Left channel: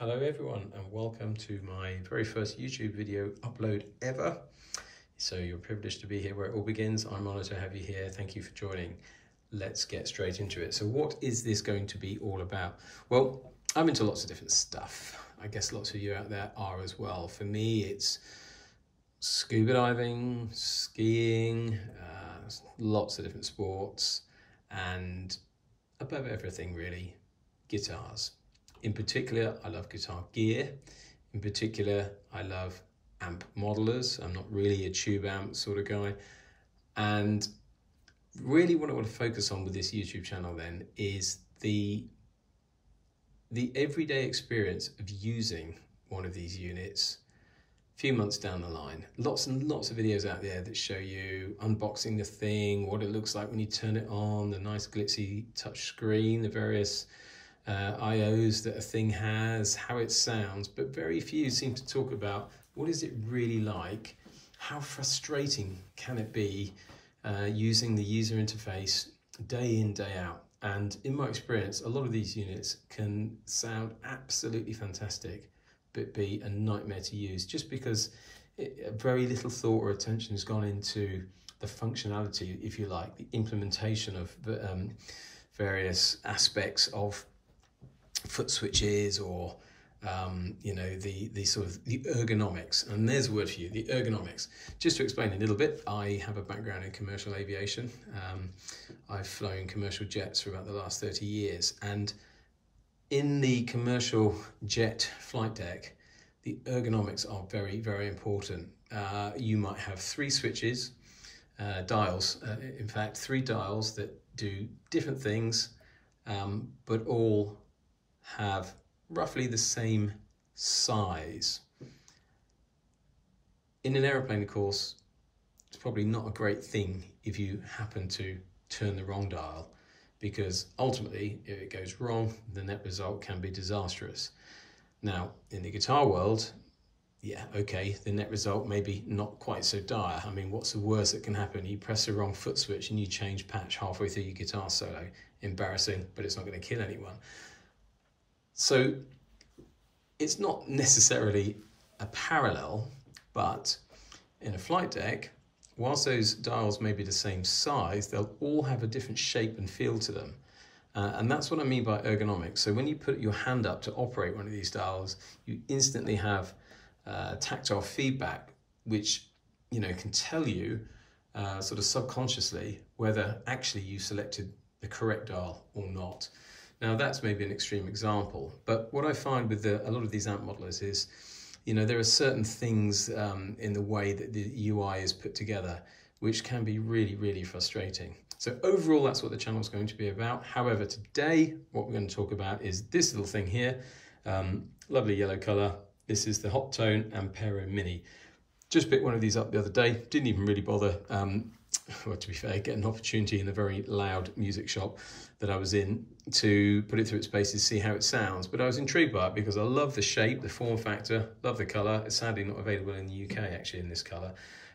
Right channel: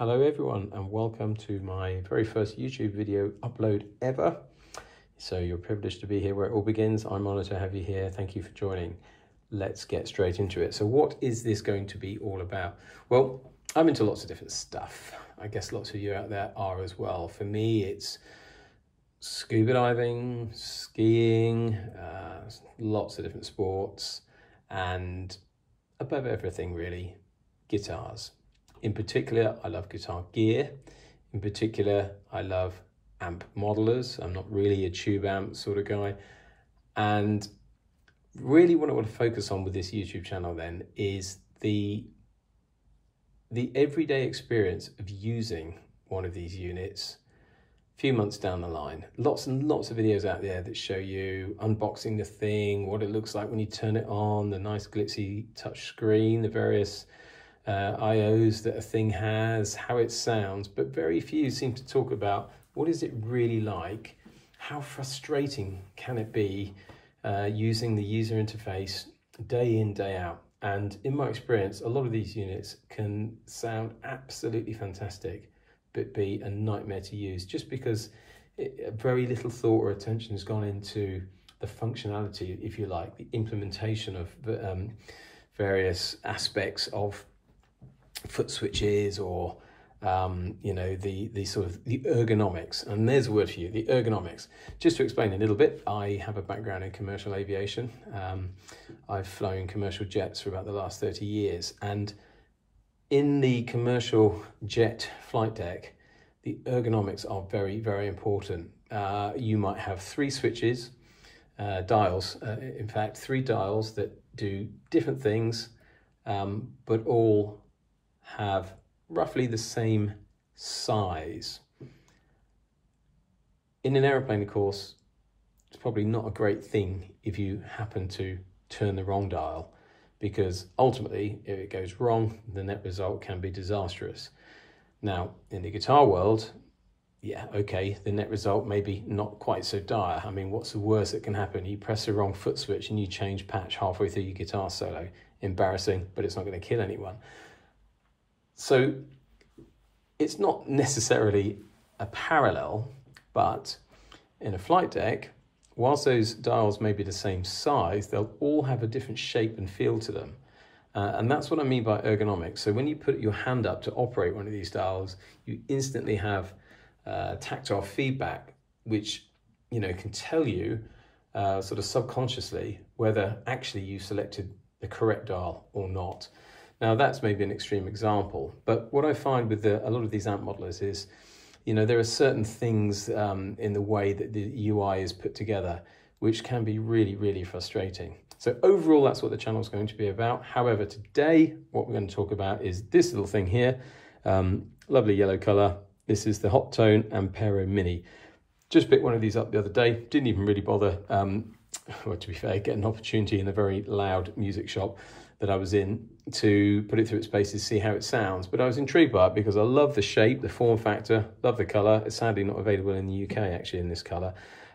Hello everyone and welcome to my very first YouTube video upload ever. So you're privileged to be here where it all begins. I'm honoured to have you here. Thank you for joining. Let's get straight into it. So what is this going to be all about? Well, I'm into lots of different stuff. I guess lots of you out there are as well. For me, it's scuba diving, skiing, lots of different sports, and above everything really, guitars. In particular, I love guitar gear. In particular, I love amp modelers. I'm not really a tube amp sort of guy. And really what I want to focus on with this YouTube channel then is the everyday experience of using one of these units a few months down the line. Lots and lots of videos out there that show you unboxing the thing, what it looks like when you turn it on, the nice glitzy touch screen, the various IOs that a thing has, how it sounds, but very few seem to talk about what is it really like, how frustrating can it be using the user interface day in, day out. And in my experience, a lot of these units can sound absolutely fantastic, but be a nightmare to use just because very little thought or attention has gone into the functionality, if you like, the implementation of various aspects of foot switches or you know, the sort of the ergonomics. And there's a word for you, the ergonomics. Just to explain a little bit, I have a background in commercial aviation. I've flown commercial jets for about the last 30 years, and in the commercial jet flight deck, the ergonomics are very, very important. You might have three switches, dials, in fact, three dials that do different things, but all have roughly the same size. In an aeroplane, of course, it's probably not a great thing if you happen to turn the wrong dial, because ultimately, if it goes wrong, the net result can be disastrous. Now, in the guitar world, yeah, okay, the net result may be not quite so dire. I mean, what's the worst that can happen? You press the wrong foot switch and you change patch halfway through your guitar solo. Embarrassing, but it's not going to kill anyone. So it's not necessarily a parallel, but in a flight deck, whilst those dials may be the same size, they'll all have a different shape and feel to them. And that's what I mean by ergonomics. So when you put your hand up to operate one of these dials, you instantly have tactile feedback, which, you know, can tell you sort of subconsciously whether actually you selected the correct dial or not. Now that's maybe an extreme example, but what I find with a lot of these amp modelers is, you know, there are certain things in the way that the UI is put together, which can be really, really frustrating. So overall, that's what the channel is going to be about. However, today, what we're going to talk about is this little thing here, lovely yellow color. This is the Hotone Ampero Mini. Just picked one of these up the other day. Didn't even really bother, well, to be fair, get an opportunity in a very loud music shop that I was in to put it through its paces, see how it sounds. But I was intrigued by it because I love the shape, the form factor, love the color. It's sadly not available in the UK actually in this color.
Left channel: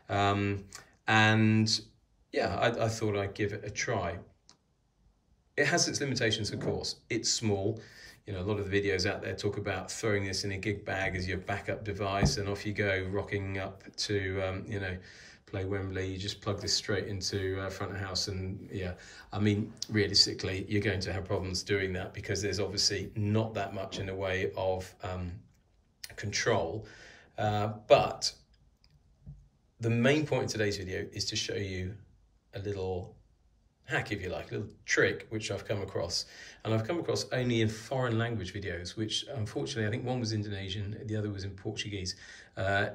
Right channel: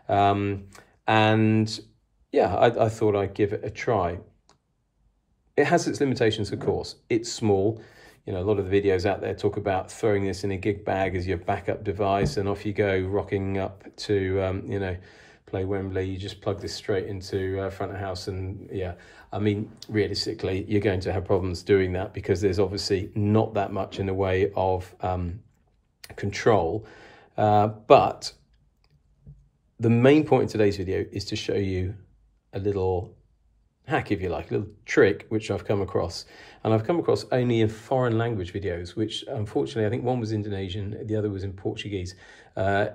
And yeah, I thought I'd give it a try. It has its limitations, of course. It's small. You know, a lot of the videos out there talk about throwing this in a gig bag as your backup device and off you go, rocking up to, you know, play Wembley. You just plug this straight into front of house, and yeah, I mean, realistically, you're going to have problems doing that because there's obviously not that much in the way of control. But the main point in today's video is to show you a little hack, if you like, a little trick which I've come across. And I've come across only in foreign language videos, which unfortunately, I think one was Indonesian, the other was in Portuguese.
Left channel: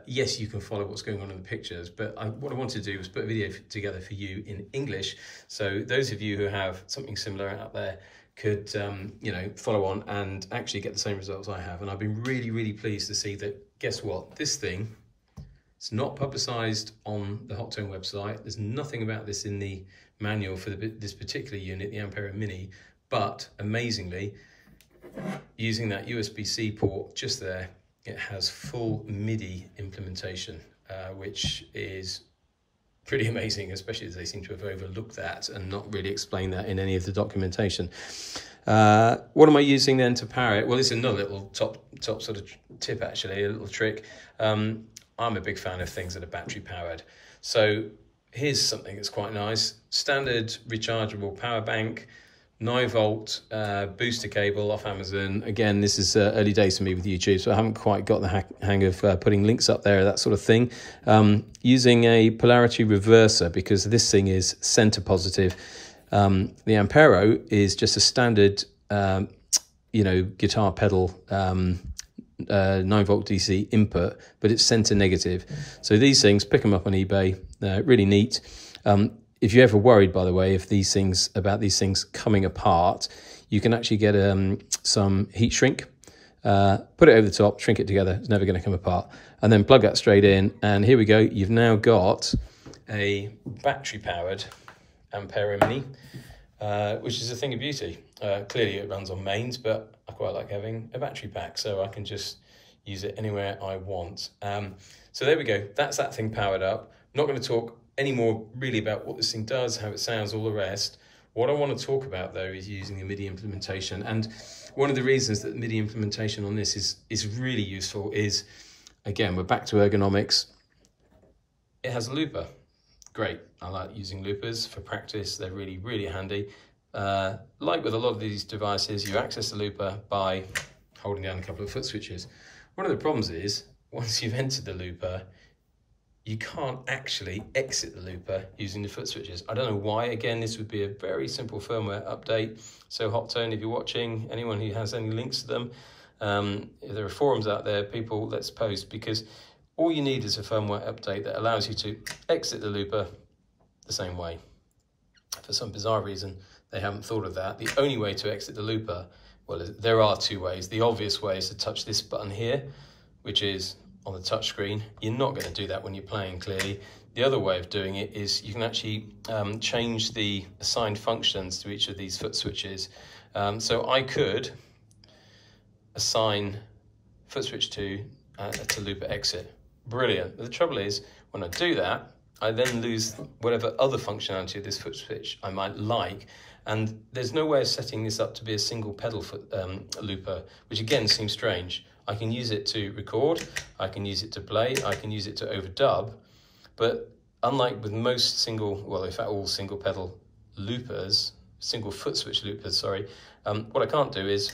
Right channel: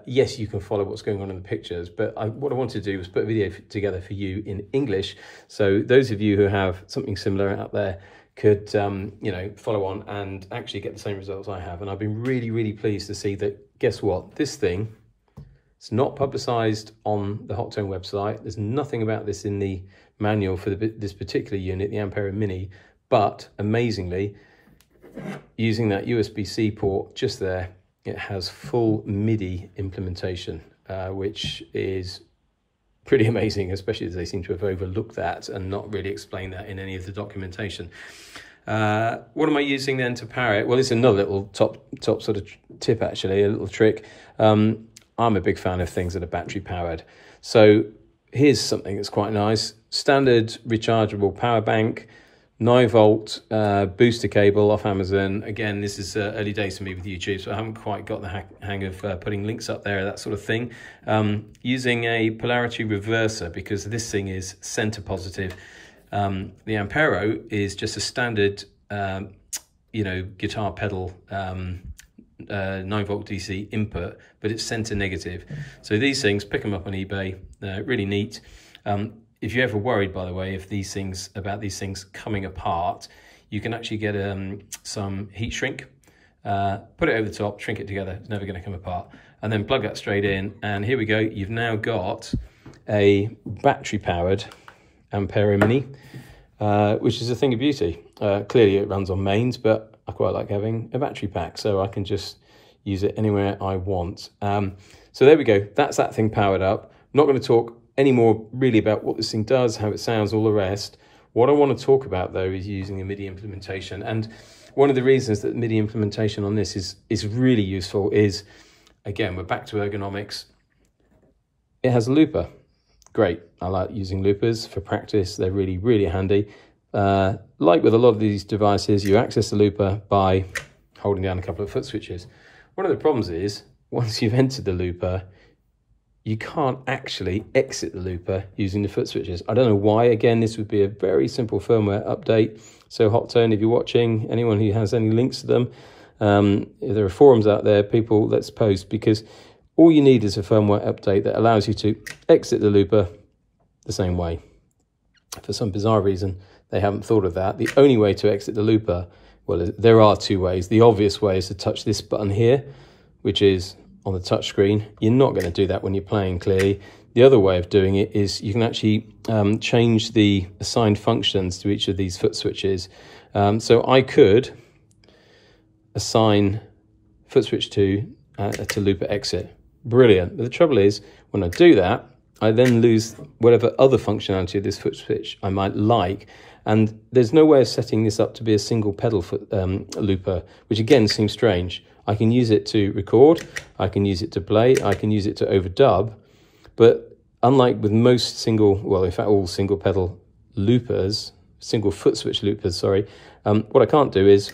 Yes, you can follow what's going on in the pictures, but what I wanted to do was put a video together for you in English. So those of you who have something similar out there could, you know, follow on and actually get the same results I have. And I've been really, really pleased to see that, guess what, this thing, it's not publicized on the Hotone website. There's nothing about this in the manual for this particular unit, the Ampero Mini. But amazingly, using that USB-C port just there, it has full MIDI implementation, which is pretty amazing, especially as they seem to have overlooked that and not really explained that in any of the documentation. What am I using then to power it? Well, it's another little top sort of tip, actually, a little trick. I'm a big fan of things that are battery powered. So here's something that's quite nice. Standard rechargeable power bank, 9-volt booster cable off Amazon. Again, this is early days for me with YouTube, so I haven't quite got the hang of putting links up there, that sort of thing. Using a polarity reverser because this thing is center positive. The Ampero is just a standard, you know, guitar pedal 9-volt DC input, but it's center negative. So these things, pick them up on eBay, they're really neat. If you're ever worried, by the way, about these things coming apart, you can actually get some heat shrink, put it over the top, shrink it together, it's never going to come apart, and then plug that straight in, and here we go. You've now got a battery powered Ampero Mini, which is a thing of beauty. Clearly it runs on mains, but I quite like having a battery pack, so I can just use it anywhere I want. So there we go, that's that thing powered up. I'm not going to talk anymore really about what this thing does, how it sounds, all the rest. What I want to talk about though is using a MIDI implementation. And one of the reasons that MIDI implementation on this is really useful is, again, we're back to ergonomics. It has a looper. Great, I like using loopers for practice. They're really, really handy. Like with a lot of these devices, you access the looper by holding down a couple of foot switches. One of the problems is, once you've entered the looper, you can't actually exit the looper using the foot switches. I don't know why. Again, this would be a very simple firmware update. So Hotone, if you're watching, anyone who has any links to them, there are forums out there, people, let's post, because all you need is a firmware update that allows you to exit the looper the same way. For some bizarre reason, they haven't thought of that. The only way to exit the looper, well, there are two ways. The obvious way is to touch this button here, which is on the touch screen. You're not going to do that when you're playing, clearly. The other way of doing it is you can actually change the assigned functions to each of these foot switches. So I could assign foot switch 2 to looper exit. Brilliant. But the trouble is, when I do that, I then lose whatever other functionality of this foot switch I might like. And there's no way of setting this up to be a single pedal foot looper, which again seems strange. I can use it to record, I can use it to play, I can use it to overdub, but unlike with most single, well, in fact, all single pedal loopers, single foot switch loopers, sorry, what I can't do is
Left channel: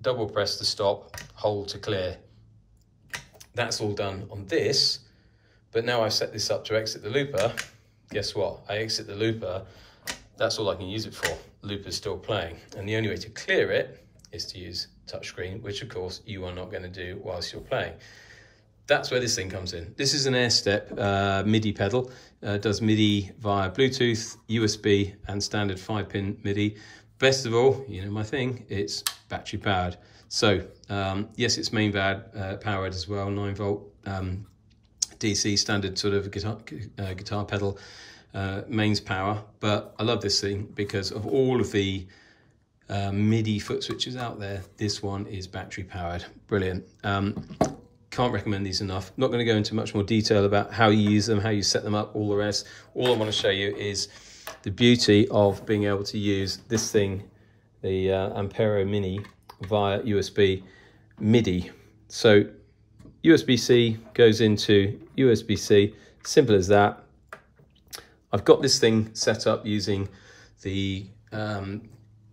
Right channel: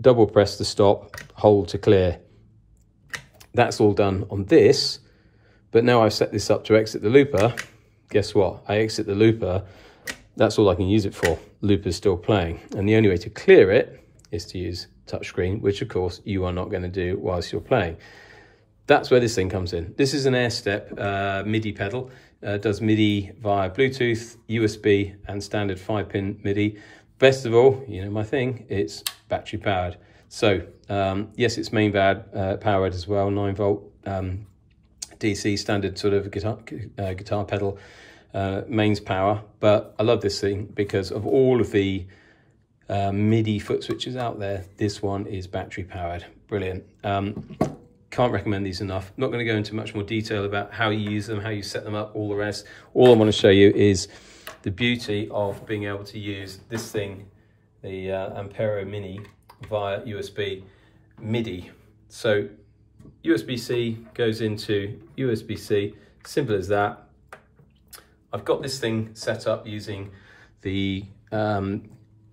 double press to stop, hold to clear. That's all done on this, but now I've set this up to exit the looper. Guess what? I exit the looper, that's all I can use it for. Looper's still playing, and the only way to clear it is to use touchscreen, which of course you are not going to do whilst you're playing. That's where this thing comes in. This is an Airstep MIDI pedal. Does MIDI via Bluetooth, USB, and standard 5-pin MIDI. Best of all, you know my thing, it's battery powered. So yes, it's main powered as well, 9-volt DC standard sort of guitar pedal mains power. But I love this thing because of all of the MIDI foot switches out there, this one is battery powered. Brilliant. Can't recommend these enough. Not going to go into much more detail about how you use them, how you set them up, all the rest. All I want to show you is the beauty of being able to use this thing, the Ampero Mini, via USB MIDI. So USB-C goes into USB-C, simple as that. I've got this thing set up using the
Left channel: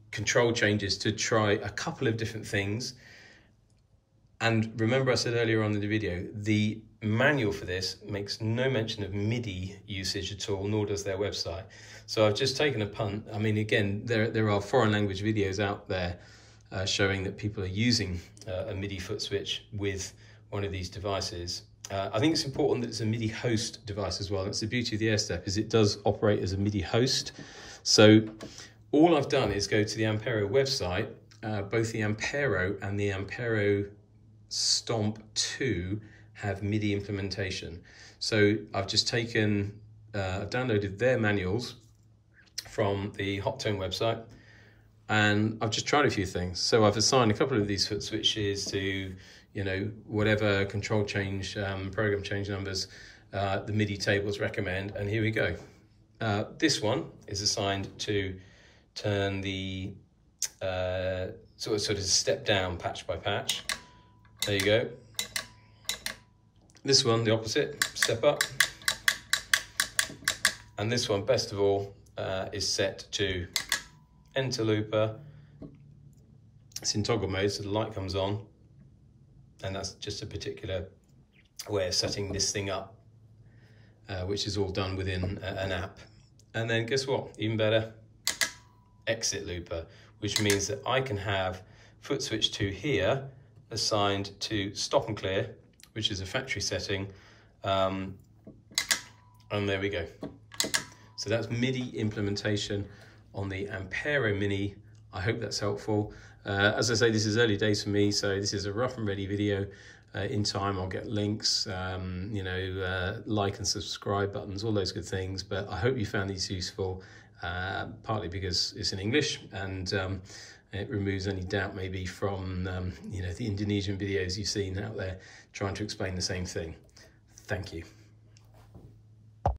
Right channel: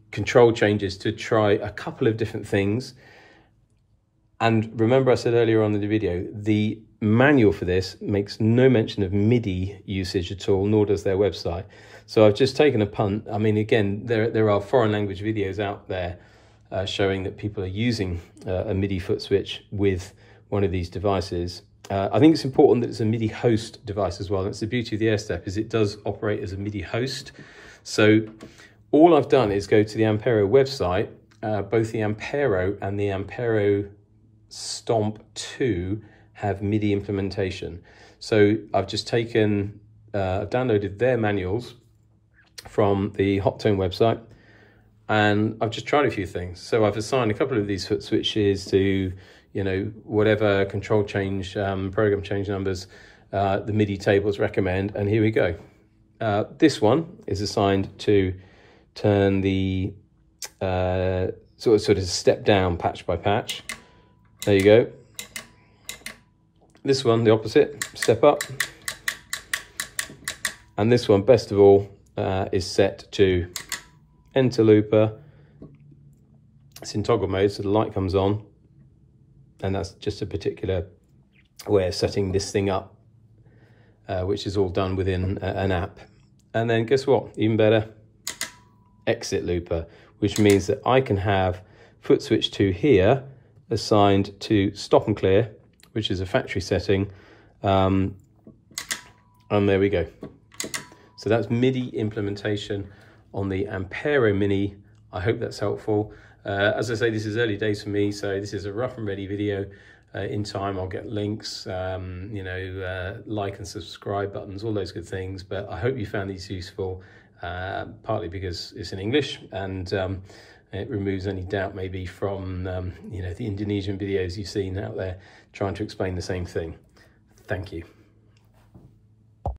control changes to try a couple of different things. And remember I said earlier on in the video, the manual for this makes no mention of MIDI usage at all, nor does their website. So I've just taken a punt. I mean, again, there are foreign language videos out there showing that people are using a MIDI foot switch with one of these devices. I think it's important that it's a MIDI host device as well. That's the beauty of the Airstep, is it does operate as a MIDI host. So all I've done is go to the Ampero website. Both the Ampero and the Ampero Stomp 2 have MIDI implementation. So I've just taken, I've downloaded their manuals from the Hotone website, and I've just tried a few things. So I've assigned a couple of these foot switches to, you know, whatever control change, program change numbers the MIDI tables recommend, and here we go. This one is assigned to turn the sort of step down patch by patch. There you go. This one, the opposite, step up. And this one, best of all, is set to enter looper. It's in toggle mode, so the light comes on. And that's just a particular way of setting this thing up, which is all done within an app. And then guess what? Even better, exit looper, which means that I can have foot switch 2 here assigned to stop and clear, which is a factory setting. And there we go. So that's MIDI implementation on the Ampero Mini. I hope that's helpful. As I say, this is early days for me, so this is a rough and ready video. In time, I'll get links, you know, like and subscribe buttons, all those good things. But I hope you found these useful, partly because it's in English and it removes any doubt maybe from, you know, the Indonesian videos you've seen out there trying to explain the same thing. Thank you.